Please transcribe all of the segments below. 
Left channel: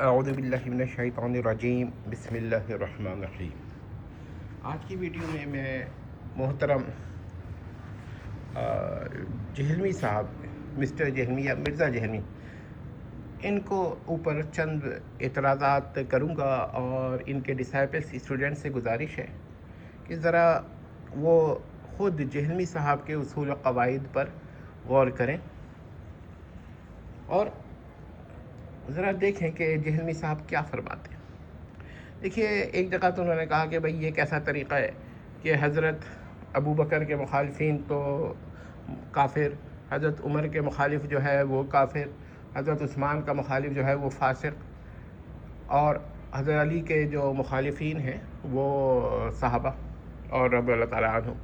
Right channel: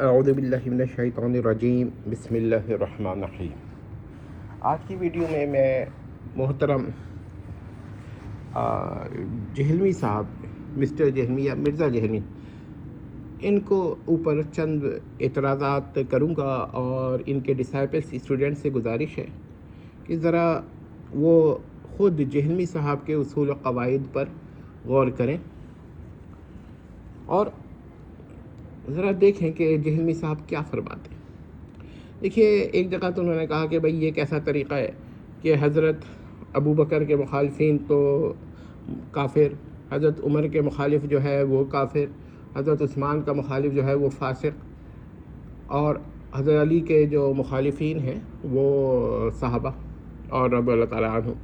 اعوذ باللہ من الشیطان الرجیم بسم اللہ الرحمن الرحیم۔ آج کی ویڈیو میں محترم جہلمی صاحب، مسٹر جہلمی یا مرزا جہلمی، ان کو اوپر چند اعتراضات کروں گا اور ان کے ڈسائپلس اسٹوڈنٹ سے گزارش ہے کہ ذرا وہ خود جہلمی صاحب کے اصول و قواعد پر غور کریں اور ذرا دیکھیں کہ جہلمی صاحب کیا فرماتے ہیں۔ دیکھیے، ایک جگہ تو انہوں نے کہا کہ بھئی یہ کیسا طریقہ ہے کہ حضرت ابو بکر کے مخالفین تو کافر، حضرت عمر کے مخالف جو ہے وہ کافر، حضرت عثمان کا مخالف جو ہے وہ فاسق، اور حضرت علی کے جو مخالفین ہیں وہ صحابہ اور رب اللہ تعالیٰ عنہ۔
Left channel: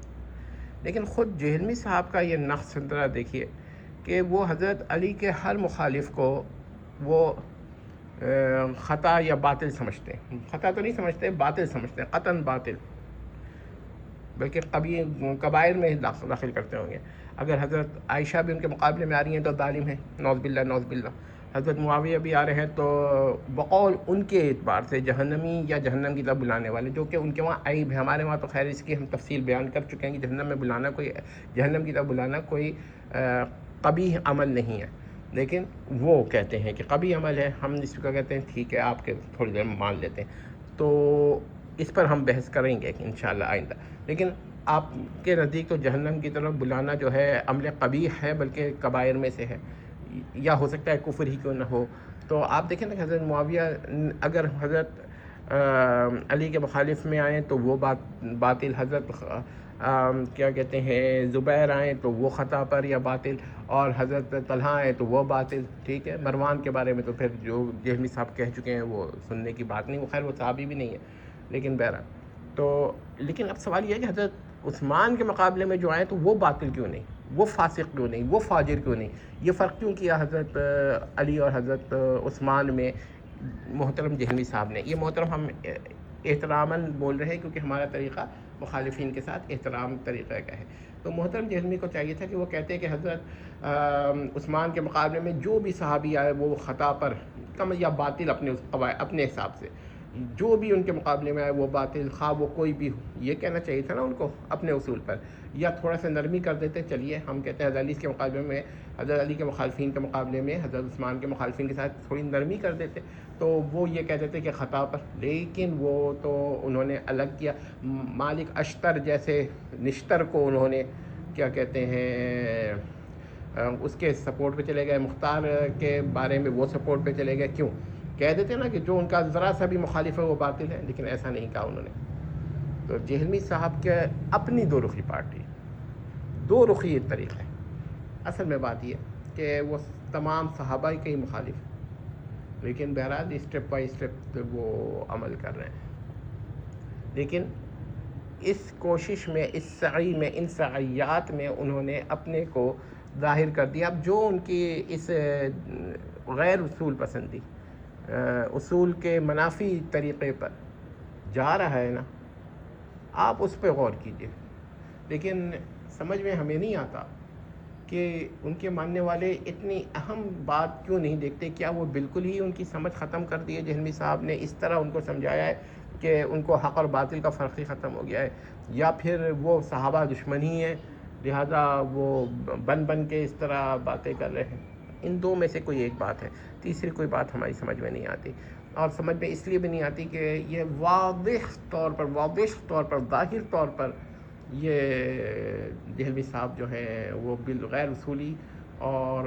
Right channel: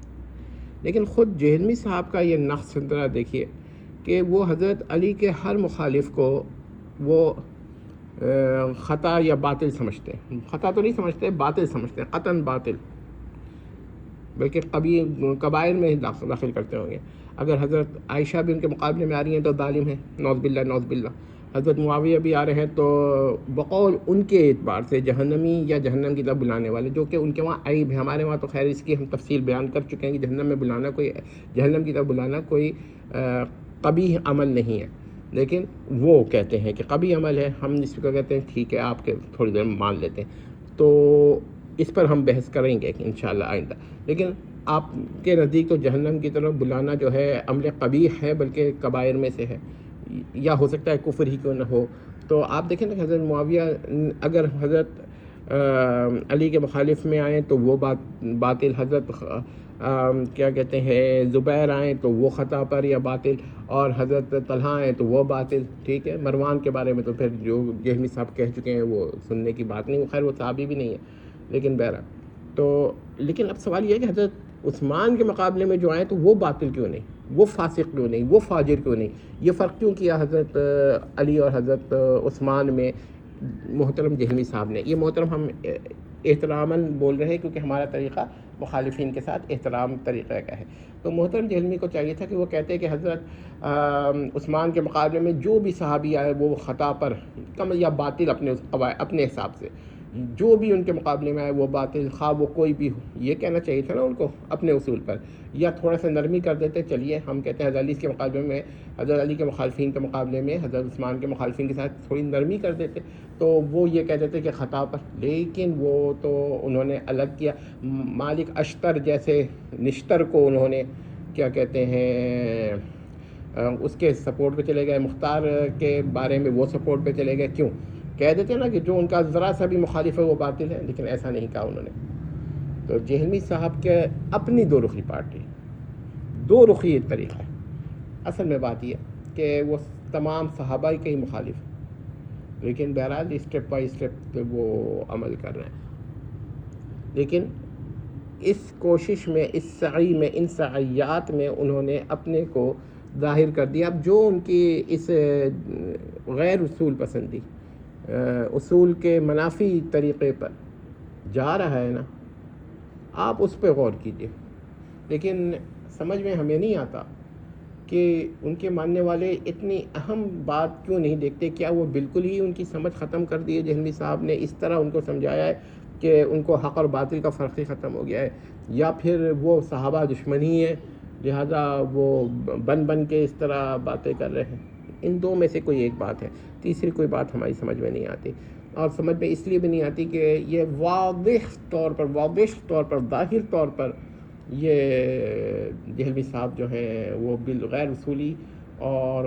لیکن خود جہلمی صاحب کا یہ نقص ذرا دیکھیے کہ وہ حضرت علی کے ہر مخالف کو وہ خطا یا باطل سمجھتے ہیں۔ خطا تو نہیں سمجھتے، باطل سمجھتے ہیں، قطعاً باطل، بلکہ کبائر میں داخل کرتے ہوں گے۔ اگر حضرت عائشہ بھی ان کے مقابلے میں آ رہی ہیں تو ظالم ہیں، نعوذ باللہ نعوذ باللہ۔ حضرت معاویہ بھی آ رہے ہیں تو بقول ان کے اعتبار سے جہنمی یا جہنم کی طرف بلانے والے، جو کہ ان کے وہاں عیب ہے۔ ہمارے وہاں تو خیر اس کی ہم تفصیل بیان کر چکے ہیں کہ جہنم میں بلانا جہنم کی طرف بلانا کوئی قبیح عمل نہیں ہے، لیکن وہ کہتے ہیں کہ قبیح عمل ہے۔ ہم اس کو کہتے ہیں ٹھیک ہے، آپ کے تھوڑی دیر میں مان لیتے ہیں، تو اس پر ہم بحث کریں گے انشاءاللہ آئندہ۔ لیکن آپ کے نزدیک تو جہنم کی طرف بلانا جو ہے عمل قبیح ہے، بلکہ کبائر میں سے ہے، یا ہو سکتا ہے کفر ہی کیوں نہ ہو۔ تو آپ دیکھیں کہ حضرت معاویہ اگر حضرت علی کے مخالف میں آئیں تو وہ باطل، حضرت کیا کہتے ہیں زبیر آئیں تو وہ خطا پر یا باطل، اور حضرت طلحہ آئیں تو وہ باطل، ٹھیک ہے۔ مروان کے بارے میں تو پھر جو جہلمی صاحب کہہ چکے ہیں وہ سننے کی بات نہیں، وہ خیر وہ صحابی بھی نہیں ہے، لیکن بہرحال تو لیکن اب سوال یہ ہے کہ حضرت عثمان کے مقابلے میں جو آئے تو وہ باطل کیوں نہیں، وہ فاسق کیوں نہیں، وہ فاجر کیوں نہیں، یہ فرق کیوں کیا حضرت علی اور حضرت عثمان میں محترم جہلمی صاحب نے؟ یہ محترم ہم احتراماً بول رہے ہیں کیونکہ ہمارا طریقہ مخالفین کے ساتھ احترام طریقہ کا ہے۔ تو محترم جہلمی کو چاہیے تھا کہ وہ کہتے کہ حضرت عثمان کے مقابلے میں جو بھی صحابی آئے وہ خطا پر کم یا باطل اپنے حساب سے، جو بھی ان کے مقابلے میں آئے وہ باطل، خواہ وہ کوئی بھی ہو۔ یہ کہنا چاہیے تھا نا ان کو اپنے اصول پر، یا تھوڑا سا نرمی کر دیتے، چلیے ہم کہتے ہیں حضرت علی کے مقابلے میں، حضرت علی کے مخالفین کے مقابلے میں حضرت عثمان کے مخالفین کے ساتھ تھوڑی نرمی کر دیتے تو وہ یہ کہتے تھے کہ خطا پر۔ لیکن وہ تو انہوں نے الگ کیا، مالک اشتر جیسے نشتر کو انہوں نے کیا کہتے ہیں اس کے سپورٹ پہ چلے گئے، مختار کے بارے میں وہ سپورٹ پہ چلے گئے۔ کیوں؟ کہہ دیتے نا کہ جو ان کا ذرا سا بھی مخالف ہے وہ باطل ہے، لیکن ایسا نہیں کہا انہوں نے۔ تو جہلمی صاحب کے اپنی دو رخی پارٹی، دو رخی طریقہ ہے۔ اصل میں بات یہ کہ وہ تمام صحابہ کے ہی مخالف، لیکن بہرحال اسٹیپ بائی اسٹیپ وہ عمل کر رہے ہیں۔ لیکن اس کوشش میں، اس سعی میں، ان سعیات میں انہوں نے اپنے کو ظاہر کر دیا۔ اب جو ان کی اس غیر اصول پسندی، اصول کے منافی طریقے پر جا رہا ہے نا، آپ اس پہ غور کیجئے۔ لیکن سمجھ میں ہمیں نہیں آتا کہ ان کے ماننے والے اتنی اہم بات کیوں نہیں دیکھتے۔ کیا وہ بالکل ہی ان کی سمجھ ختم کر دی ہے؟ جہلمی صاحب نے اس طرح ان کو سمجھایا ہے کہ ان کو حق اور باطل کا فرق ہی ختم ہو گیا ہے، یا پھر وہ صحابہ دشمن ہی ہیں لہذا وہ بن کے اس طرح باتیں کر رہے ہیں؟ ان دو میں سے کوئی ایک بات ہے، تیسری کوئی بات ہماری سمجھ میں نہیں آتی، اور سمجھ میں اس لیے بھی نہیں آتی کہ یہ واضح طور پر ظاہر طور پر یہ جہلمی صاحب جو ہیں وہ بالغیر اصولی اور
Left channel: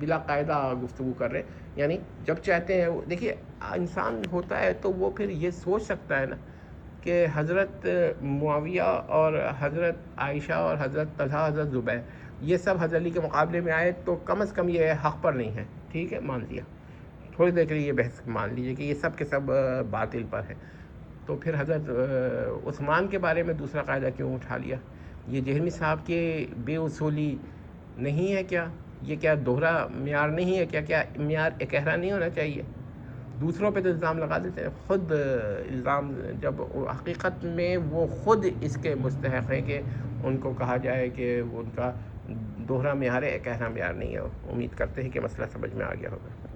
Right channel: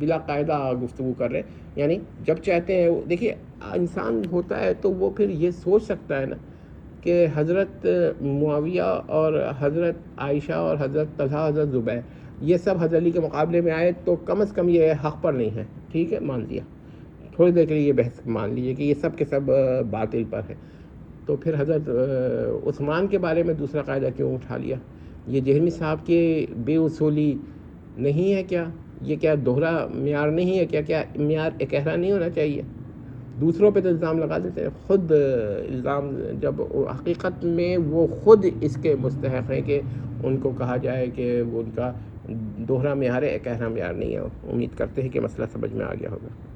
بلا قاعدہ گفتگو کر رہے ہیں۔ یعنی جب چاہتے ہیں، دیکھیے انسان ہوتا ہے تو وہ پھر یہ سوچ سکتا ہے نا کہ حضرت معاویہ اور حضرت عائشہ اور حضرت طلحہ، حضرت زبیر، یہ سب حضرت علی کے مقابلے میں آئے تو کم از کم یہ حق پر نہیں ہے، ٹھیک ہے مان لیا، تھوڑی دیر کے لیے یہ بحث مان لیجیے کہ یہ سب کے سب باطل پر ہے، تو پھر حضرت عثمان کے بارے میں دوسرا قاعدہ کیوں اٹھا لیا؟ یہ جہلمی صاحب کی بے اصولی نہیں ہے کیا؟ یہ کیا دوہرا معیار نہیں ہے کیا معیار اکہرا نہیں ہونا چاہیے؟ دوسروں پہ تو الزام لگا دیتے ہیں، خود الزام، جب حقیقت میں وہ خود اس کے مستحق ہیں کہ ان کو کہا جائے کہ وہ ان کا دوہرا معیار ہے، اکہرا معیار نہیں ہے۔ امید کرتے ہیں کہ مسئلہ سمجھ میں آ گیا ہوگا۔